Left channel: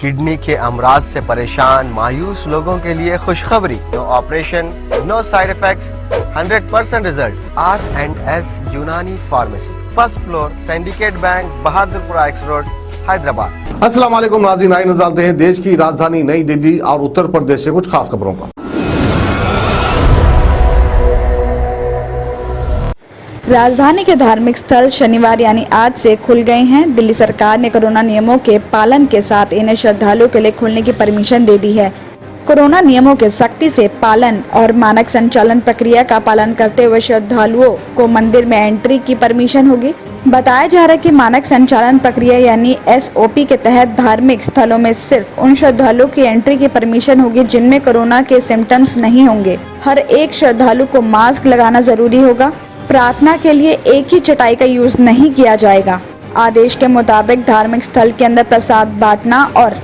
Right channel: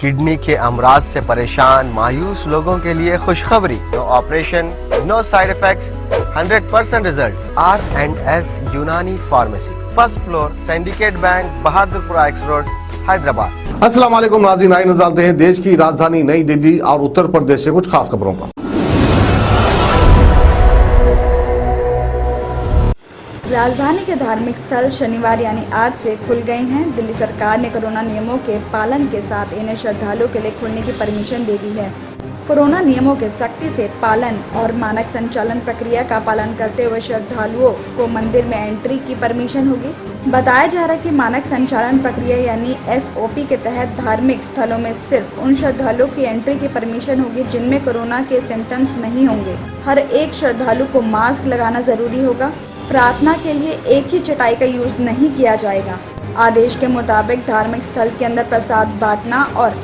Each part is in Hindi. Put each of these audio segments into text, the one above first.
किडनी के अमराज से परेशान मायूस लोगों के लिए खुशखबरी। No operation, no side effects, 100% result. R&S Unani pharmacy, first floor, Syndicate Bank, Bahadurpura X road, Hyderabad. अस्सलाम वालेकुम नाज़रीन, आइए नजर डालते हैं देश की राजधानी नई दिल्ली और उत्तर प्रदेश से कुछ खास खबरों पर। राजधानी के धार्मिक स्थल शनिवार यानी आज से खुल गए हैं। दिल्ली सरकार ने कोरोना नियमों के पालन के साथ इन्हें श्रद्धालुओं के लिए खोलने की परमिशन दे दी है। कोरोना नियमों के सख्ती से पालन और मानक संचालन प्रक्रिया का पालन करते हुए श्रद्धालुओं को मंदिर में एंट्री की परमिशन होगी। बताया जा रहा है कि मानक संचालन प्रक्रिया यानी SOP के तहत धार्मिक स्थलों में सिर्फ उन श्रद्धालुओं की एंट्री की परमिशन होगी जिनमें कोरोना के सिम्टम्स नहीं होंगे। हर एक श्रद्धालु को मास्क लगाना जरूरी होगा। प्रार्थना के लिए एक ही चटाई का यूज नहीं किया जाएगा। आदेश के मुताबिक धार्मिक स्थल के अंदर प्रसाद बांटना और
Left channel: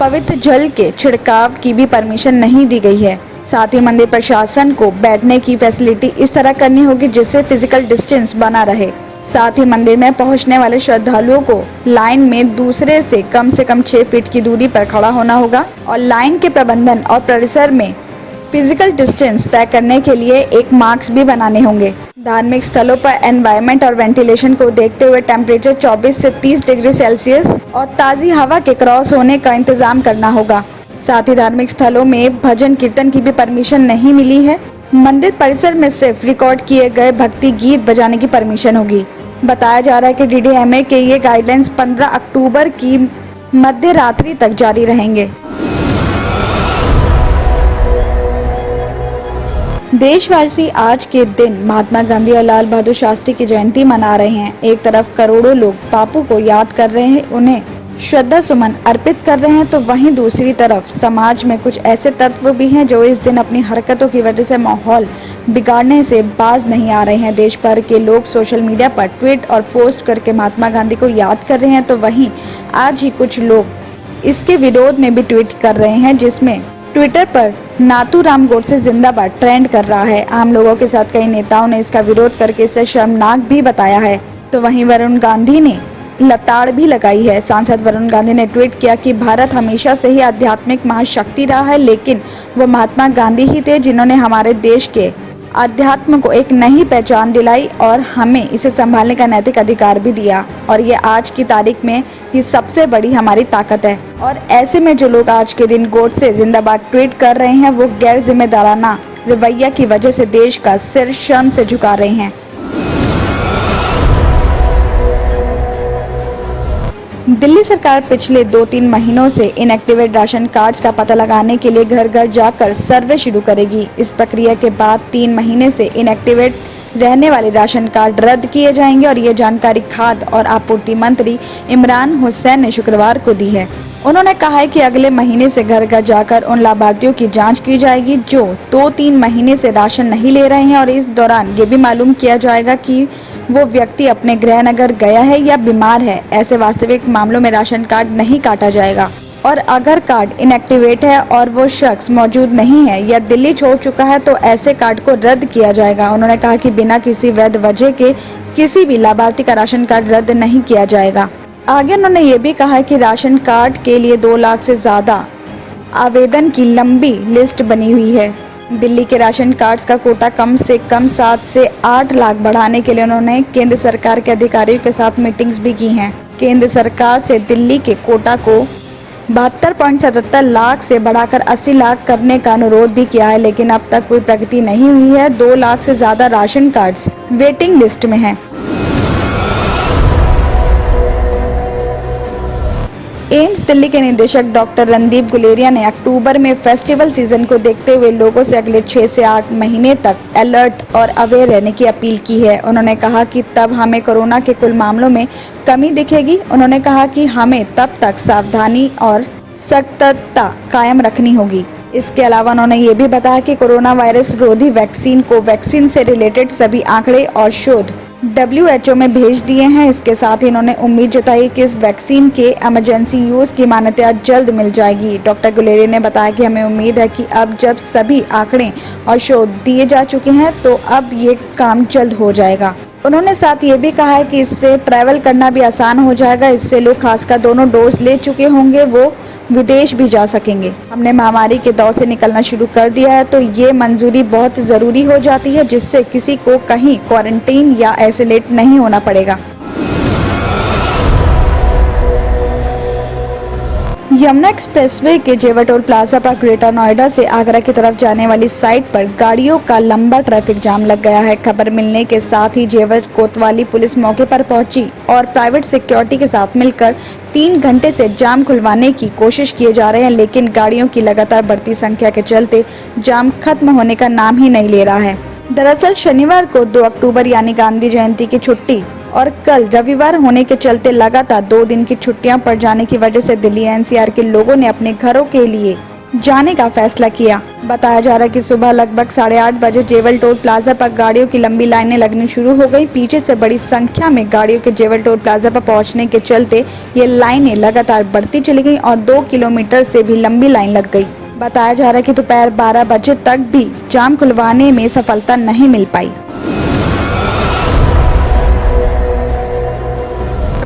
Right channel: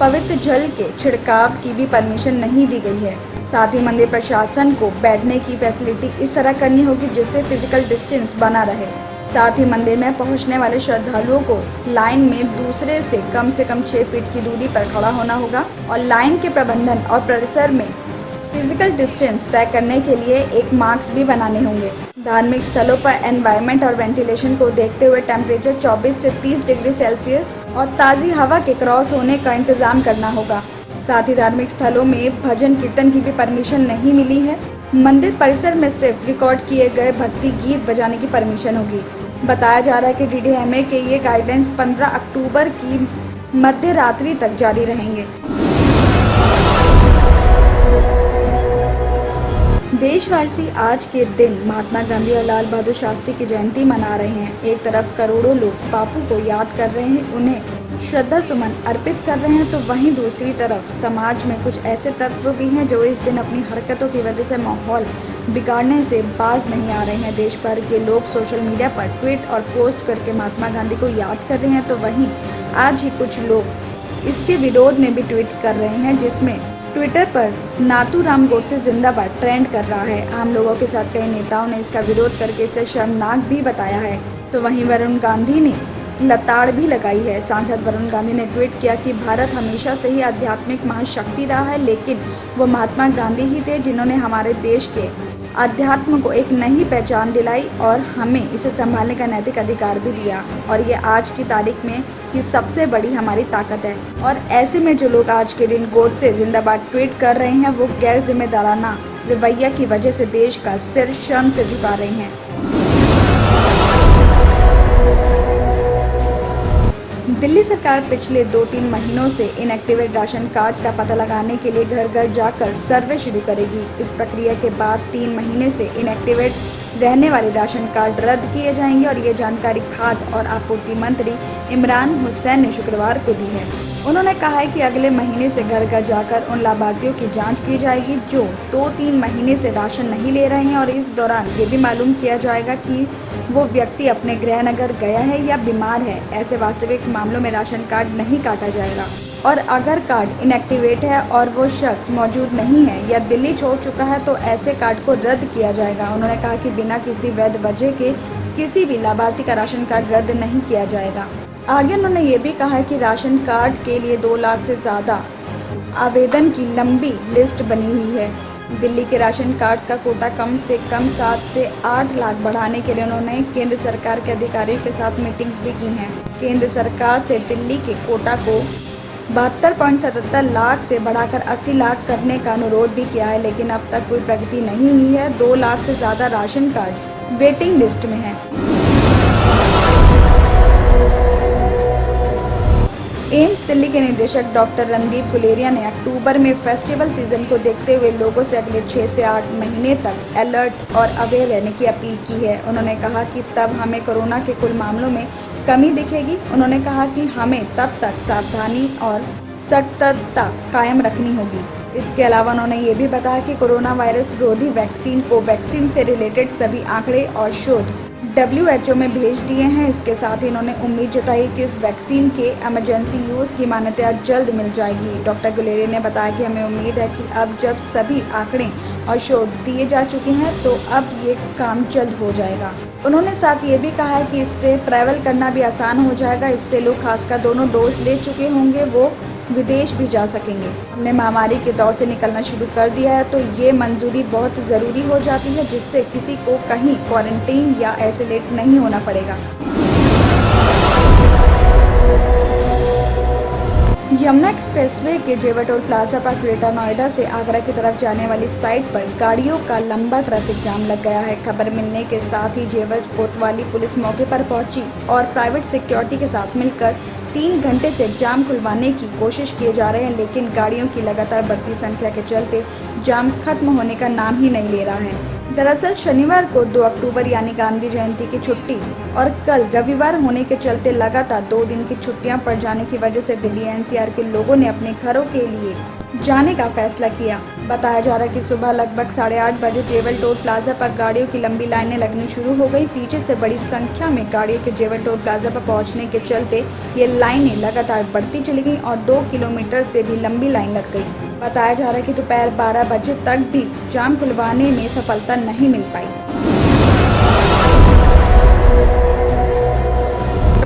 पवित्र जल के छिड़काव की भी परमिशन नहीं दी गई है। साथ ही मंदिर प्रशासन को बैठने की फैसिलिटी इस तरह करनी होगी जिससे फिजिकल डिस्टेंस बना रहे। साथ ही मंदिर में पहुंचने वाले श्रद्धालुओं को लाइन में दूसरे से कम 6 फीट की दूरी पर खड़ा होना होगा और लाइन के प्रबंधन और परिसर में फिजिकल डिस्टेंस तय करने के लिए एक मार्क्स भी बनाने होंगे। धार्मिक स्थलों पर एनवायरनमेंट और वेंटिलेशन को देखते हुए टेम्परेचर 24 से 30 डिग्री सेल्सियस और ताज़ी हवा के क्रॉस होने का इंतजाम करना होगा। साथ ही धार्मिक स्थलों में भजन कीर्तन की भी परमिशन नहीं मिली है। मंदिर परिसर में सिर्फ रिकॉर्ड किए गए भक्ति गीत बजाने की परमिशन होगी। बताया जा रहा है कि DDMA के ये गाइडलाइंस 15 अक्टूबर की मध्य रात्रि तक जारी रहेंगे। देशवासी आज के दिन महात्मा गांधी और लाल बहादुर शास्त्री की जयंती मना रहे हैं। एक तरफ करोड़ों लोग बापू को याद कर रहे हैं, उन्हें श्रद्धा सुमन अर्पित कर रहे हैं, तो वहीं दूसरी तरफ समाज में कुछ ऐसे तत्व भी हैं जो इस दिन अपनी हरकतों की वजह से माहौल बिगाड़ने से बाज नहीं आ रहे हैं। देश भर के लोग सोशल मीडिया पर ट्वीट और पोस्ट करके महात्मा गांधी को याद कर रहे हैं, तो वहीं आज ही कुछ लोग इसके विरोध में भी ट्वीट कर रहे हैं, जिसमें ट्विटर पर नाथूराम गोडसे जिंदाबाद ट्रेंड कर रहा है। आम लोगों के साथ कई नेताओं ने इसका विरोध करके इसे शर्मनाक भी बताया है। तो वहीं वरुण गांधी ने लताड़ भी लगाई है। सांसद वरुण गांधी ने ट्वीट किया कि भारत हमेशा से ही आध्यात्मिक महाशक्ति रहा है, लेकिन वो महात्मा गांधी ही थे जिन्होंने हमारे देश के अध्यात्म को एक नई पहचान दिलाई और हमें इसे संभालने का नैतिक अधिकार भी दिया, और ये आज की तारीख में ये सबसे बड़ी हमारी ताकत है। और ऐसे में जो लोग आज के दिन गोडसे जिंदाबाद ट्वीट कर रहे हैं वो गैर जिम्मेदाराना रवैया की वजह से देश का सिर शर्म से झुका रहे हैं। दिल्ली सरकार पिछले 2-3 महीनों से इनएक्टिवेट राशन कार्ड्स का पता लगाने के लिए घर घर जाकर सर्वे शुरू करेगी। इस प्रक्रिया के बाद 3 महीने से इनएक्टिवेट रहने वाले राशन कार्ड रद्द किए जाएंगे और ये जानकारी खाद्य और आपूर्ति मंत्री इमरान हुसैन ने शुक्रवार को दी है। उन्होंने कहा है कि अगले महीने से घर घर जाकर उन लाभार्थियों की जांच की जाएगी जो 2-3 महीने से राशन नहीं ले रहे हैं, और इस दौरान ये भी मालूम किया जाएगा कि वो व्यक्ति अपने गृह नगर गया है या बीमार है। ऐसे वास्तविक मामलों में राशन कार्ड नहीं काटा जाएगा, और अगर कार्ड इनएक्टिवेट है और वो शख्स मौजूद नहीं है या दिल्ली छोड़ चुका है तो ऐसे कार्ड को रद्द किया जाएगा। उन्होंने कहा कि बिना किसी वैध वजह के किसी भी लाभार्थी का राशन कार्ड रद्द नहीं किया जाएगा। आगे उन्होंने ये भी कहा कि राशन कार्ड के लिए 2 लाख से ज्यादा आवेदन की लंबी लिस्ट बनी हुई है। दिल्ली के राशन कार्ड्स का कोटा कम से कम 7 से 8 लाख बढ़ाने के लिए उन्होंने केंद्र सरकार के अधिकारियों के साथ मीटिंग्स भी की हैं। केंद्र सरकार से दिल्ली के कोटा को 72.77 लाख से बढ़ाकर 80 लाख करने का अनुरोध भी किया है, लेकिन अब तक कोई प्रगति नहीं हुई है। 2 लाख से ज्यादा राशन कार्ड्स वेटिंग लिस्ट में हैं। एम्स दिल्ली के निदेशक डॉक्टर रणदीप गुलेरिया ने अक्टूबर में फेस्टिवल सीजन को देखते हुए लोगों से अगले 6 से 8 महीने तक अलर्ट और अवेयर रहने की अपील की है। उन्होंने कहा कि तब हमें कोरोना के कुल मामलों में कमी दिखेगी। उन्होंने कहा कि हमें तब तक सावधानी और सतर्कता कायम रखनी होगी। इसके अलावा उन्होंने ये भी बताया कि कोरोना वायरस रोधी वैक्सीन को वैक्सीन से रिलेटेड सभी आंकड़े और शोध WHO में भेज दिए हैं। इसके साथ ही उन्होंने उम्मीद जताई कि इस वैक्सीन के इमरजेंसी यूज की मान्यता जल्द मिल जाएगी। डॉक्टर गुलेरिया ने बताया कि हमें उम्मीद है कि अब जब सभी आंकड़े और शोध दिए जा चुके हैं तो अब ये काम जल्द हो जाएगा। उन्होंने साथ ये भी कहा है कि इससे ट्रैवल करना भी आसान हो जाएगा। इससे लोग खासकर दोनों डोज ले चुके होंगे वो विदेश भी जा सकेंगे। हमने महामारी के दौर से निकलना शुरू कर दिया है, तो ये मंजूरी बहुत जरूरी हो जाती है, जिससे किसी को कहीं क्वारंटीन या आइसोलेट नहीं होना पड़ेगा। यमुना एक्सप्रेसवे के जेवर टोल प्लाजा पर ग्रेटर नोएडा से आगरा की तरफ जाने वाली साइड पर गाड़ियों का लंबा ट्रैफिक जाम लग गया है। खबर मिलने के साथ ही जेवर कोतवाली पुलिस मौके पर पहुंची और प्राइवेट सिक्योरिटी के साथ मिलकर 3 घंटे से जाम खुलवाने की कोशिश किए जा रहे हैं, लेकिन गाड़ियों की लगातार बढ़ती संख्या के चलते जाम खत्म होने का नाम ही नहीं ले रहा है। दरअसल शनिवार को 2 अक्टूबर यानी गांधी जयंती की छुट्टी और कल रविवार होने के चलते लगातार 2 दिन की छुट्टियां पड़ जाने की वजह से दिल्ली एनसीआर के लोगों ने अपने घरों के लिए जाने का फैसला किया। बताया जा रहा है कि सुबह लगभग 8:30 बजे जेवर टोल प्लाजा पर गाड़ियों की लंबी लाइनें लगनी शुरू हो गई। पीछे से बड़ी संख्या में गाड़ियों के जेवर टोल प्लाजा पर पहुंचने के चलते ये लाइनें लगातार बढ़ती चली गई और 2 किलोमीटर से भी लंबी लाइन लग गई। बताया जा रहा है कि दोपहर 12 बजे तक भी जाम खुलवाने में सफलता नहीं मिल पाई।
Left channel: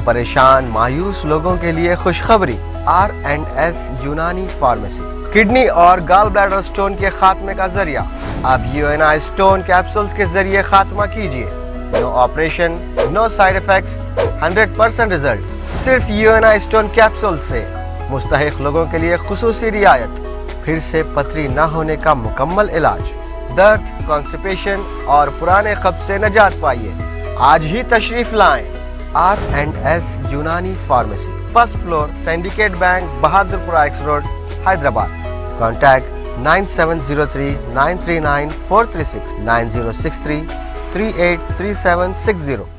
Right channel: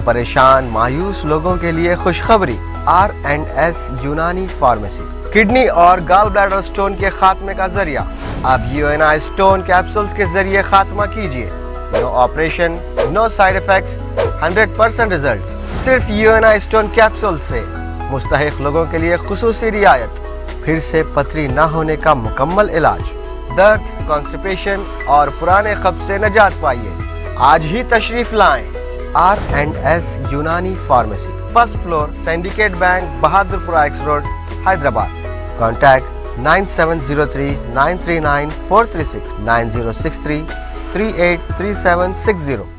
परेशान मायूस लोगों के लिए खुशखबरी, R&S यूनानी फार्मेसी किडनी और गॉल ब्लैडर स्टोन के खात्मे का जरिया। अब UNI स्टोन कैप्सूल्स के जरिए खात्मा कीजिए। No operation, no side effects, 100% result. सिर्फ UNI स्टोन कैप्सूल से मुस्तहिक लोगों के लिए खुसूसी रियायत। फिर से पथरी न होने का मुकम्मल इलाज, दर्द, कॉन्स्टिपेशन और पुराने कब्ज से निजात पाइए। आज ही तशरीफ लाएं। R&S Unani pharmacy, 1st floor, Syndicate Bank, Bahadurpura X road, Hyderabad. Contact 9703 939 436 9063 383760।